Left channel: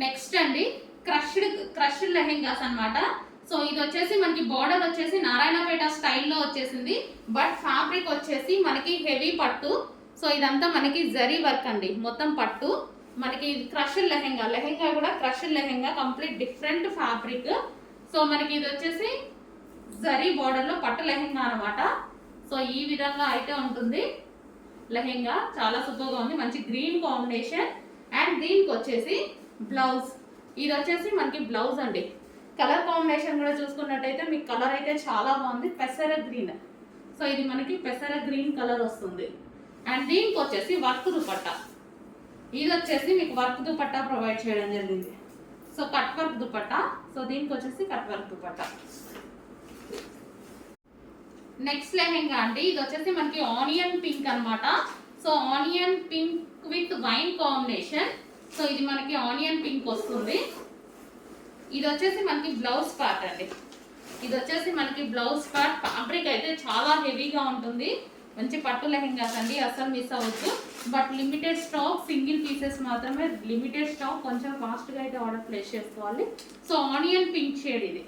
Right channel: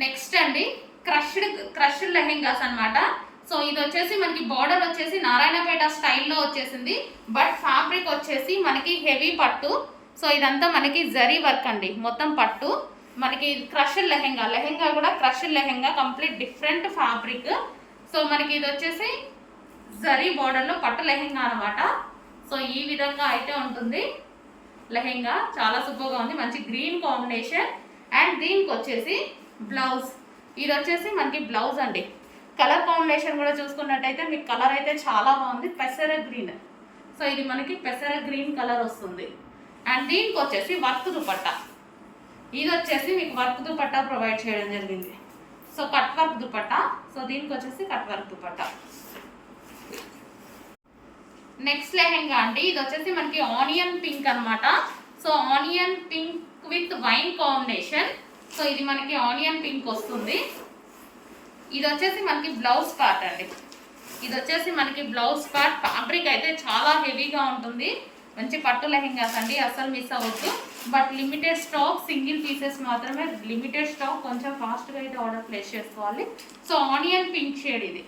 Next అండి crushed lehengas అన్నమాట. So ఇది వచ్చేసి మనకి బార్డర్ వచ్చేసి నారాయణపేట స్టైల్లో వచ్చేసింది, బట్ ఫ్యాబ్రిక్ వచ్చేసి మనకి హెవీ పట్టు. సో ఇదంతా మనకి జరీ వర్క్ అండి, మొత్తం పట్టు. మనకి క్రష్డ్ లెహెంగా కూడా crushed lehenga, complete different fabric. So మనకి ఇది వచ్చేసి జరీ బార్డర్లో పట్టు లెహెంగా అనమాట. సో ఈ విధంగా అయితే ఉంటుంది లెహెంగా, చాలా సూపర్గా ఉంది, మంచి గ్రీన్ కాంబినేషన్. అండ్ దీనికి వచ్చేసి బ్లౌజ్, ఇది వచ్చేసి మనకి బ్లౌజ్ అండి. కలర్ కాంబినేషన్ కూడా చూసుకున్నట్టయితే మీకు కలర్ అయితే చాలా బాగుంది, పెసర గ్రీన్. సో ఇది మనకి పెసర గ్రీన్ కలర్ వస్తుంది. అండ్ దీనికి వచ్చేసి వర్క్ దుపట్టా, ఇది వచ్చేసి మీకు వర్క్ దుపట్టా ప్రొవైడ్ చేయడం జరిగింది. So cut work dupatta. So దీనికి వచ్చేసి cut work dupatta. Next lehenga అండి, ఇది వచ్చేసి మనకి ఆనియన్ పింక్ అనమాట. So onion pink with wine combination. So ఇది మనకి ఆనియన్ పింక్ వస్తుంది. ఇది వచ్చేసి మనకి బ్లౌజ్ పార్ట్ అండి, ఇది వచ్చేసి మనకి బ్లౌజ్ పార్ట్. ఫ్యాబ్రిక్ అయితే చాలా హెవీగా ఉంటుంది, మంచి పట్టు లెహెంగాస్ అండి, అస్సలు మిస్ అవ్వద్దు. But limited stock, single pieces మాత్రమే, లిమిటెడ్ స్టాక్, కొంచెం ఫాస్ట్గా అయితే ఆర్డర్ ప్లేస్ చేసుకోవాలి. సో ఆనియన్ పింక్ షేడ్ ఇది.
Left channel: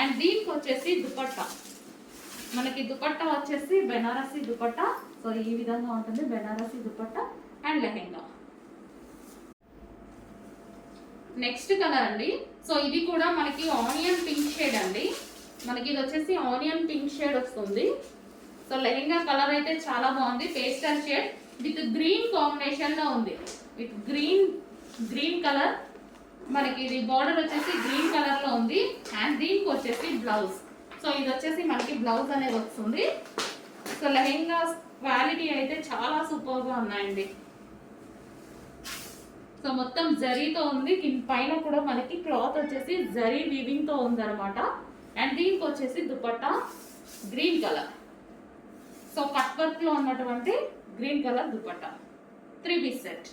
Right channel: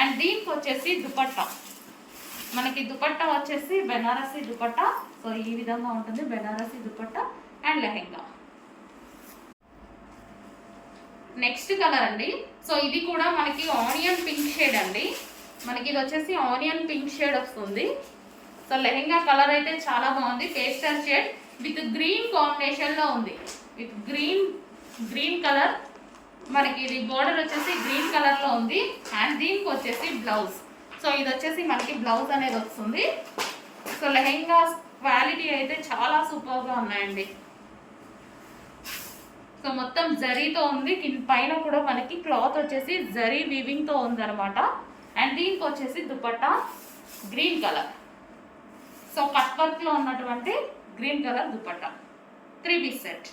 అండ్ దీనికి వచ్చేసి దుపట్టా, మనకి దుపట్టా వచ్చేసి బెనారసీ దుపట్టా. సో ఈ విధంగా ఉంటుంది Banarasi dupatta and lehenga. Next colour అండి, సో ఇది కూడా మనకి ఆనియన్ పింక్ షేడ్ అండి, మనకి ఇది వచ్చేసి ఆనియన్ పింక్ షేడ్ వస్తుంది. సో లెహెంగా కలర్ అయితే చాలా బాగుంది, పేస్టల్ షేడ్ విత్ గ్రీన్ కాంబినేషన్లో ఉంది, విత్ గ్రీన్ కలర్. మనకి ఇది బార్డర్ వచ్చేసి గ్రీన్ కలర్లో ఉంది. అండ్ దీనికి వచ్చేసి బ్లౌజ్. సో ఇది వచ్చేసి మనకి బ్లౌజ్ అనేది వస్తుంది. సో లెహెంగా క్వాలిటీ అయితే చాలా సూపర్గా ఉన్నాయండి. సో మొత్తం జరీతో ఉంది, పైన కూడా మనకి క్లాత్ వచ్చేసి జరీ వీవింగ్తో ఉందన్నమాట. అండ్ దీనికి వచ్చేసి dupatta green colour. So cut వర్క్లో ఉన్నటువంటి green colour dupatta, 3 piece set.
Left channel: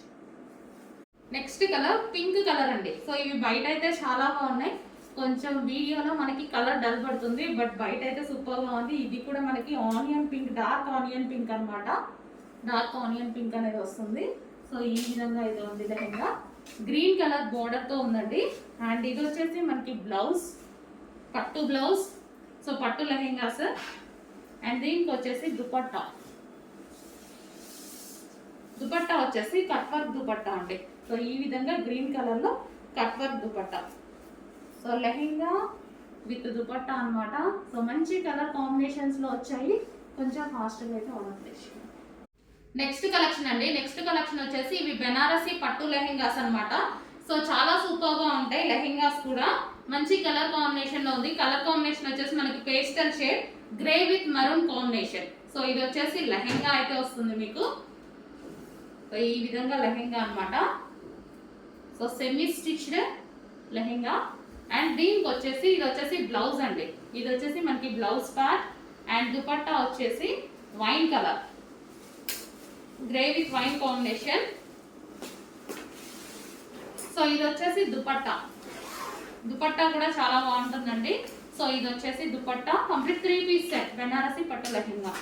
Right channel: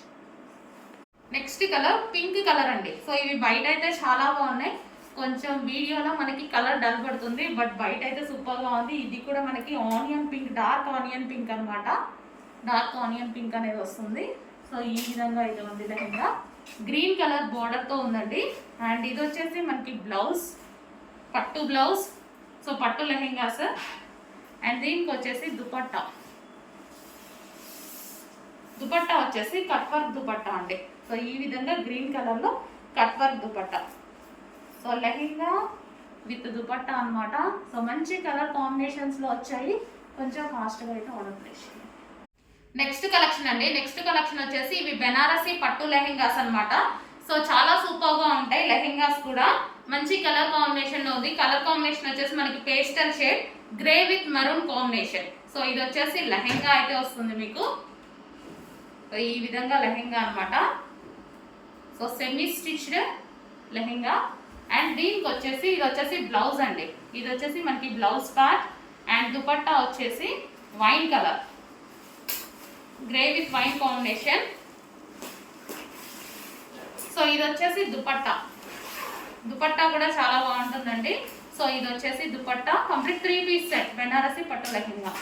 Next colour pink colour అండి. సో ఇవి బయట అయితే చాలా బాగున్నాయి, కొంచెం వీడియోలో మనకి కలర్ డల్ పడుతుంది, బట్ బయట అయితే సూపర్గా ఉంది. ఇది కూడా మనకి onion pink, dark onion pink అనమాట, డార్క్ ఆనియన్ పింక్ అనేది వస్తుంది. సో ఈ విధంగా అయితే ఉంది లెహెంగా, గ్రీన్ కలర్ బార్డర్తో ఉందండి. అండ్ ఇది వచ్చేసి మనకి బ్లౌజ్, పట్టు బ్లౌజ్. సో పట్టు లెహెంగాస్. అండ్ దీనికి వచ్చేసి దుపట్టా వచ్చేసి కట్ వర్క్ దుపట్టా అండి. సో ఈ విధంగా గ్రీన్ కలర్లో cut work dupatta. So lehenga with dupatta అనమాట. సో మంచి కలర్ కాంబినేషన్స్లో వచ్చాయి, కొంచెం ఫాస్ట్గా అయితే ఆర్డర్ ప్లేస్ చేయండి. నెక్స్ట్ కలెక్షన్ అండి, నెక్స్ట్ కలెక్షన్ వచ్చేసి ఇవి బెనారసీ పట్టు లెహెంగాస్ అనమాట. సో చాలా సూపర్గా ఉంటాయి లెహెంగాస్ కూడా, మంచి కలర్ కాంబినేషన్లో ఉంది. కలర్ కాంబినేషన్ వచ్చేసి మనకి pastel shade, grey with maroon combination. So ఇది వచ్చేసి లెహెంగా అయితే వస్తుంది మీకు. సో ఈ విధంగా లెహెంగా అనమాట. So semi stitched lehenga. And దీనికి వచ్చేసి ఇది వచ్చేసి బ్లౌజ్ అండి, ఇది వచ్చేసి మనకి బ్లౌజ్ పార్ట్. అండ్ దుపట్టా వచ్చేసి wine colour, grey with wine combination. So ఇది వచ్చేసి దుపట్టా కూడా చాలా బాగుంటుందండి. సో ఇది వచ్చేసి dupatta, complete 3 piece set Banarasi పట్టు లెహెంగా.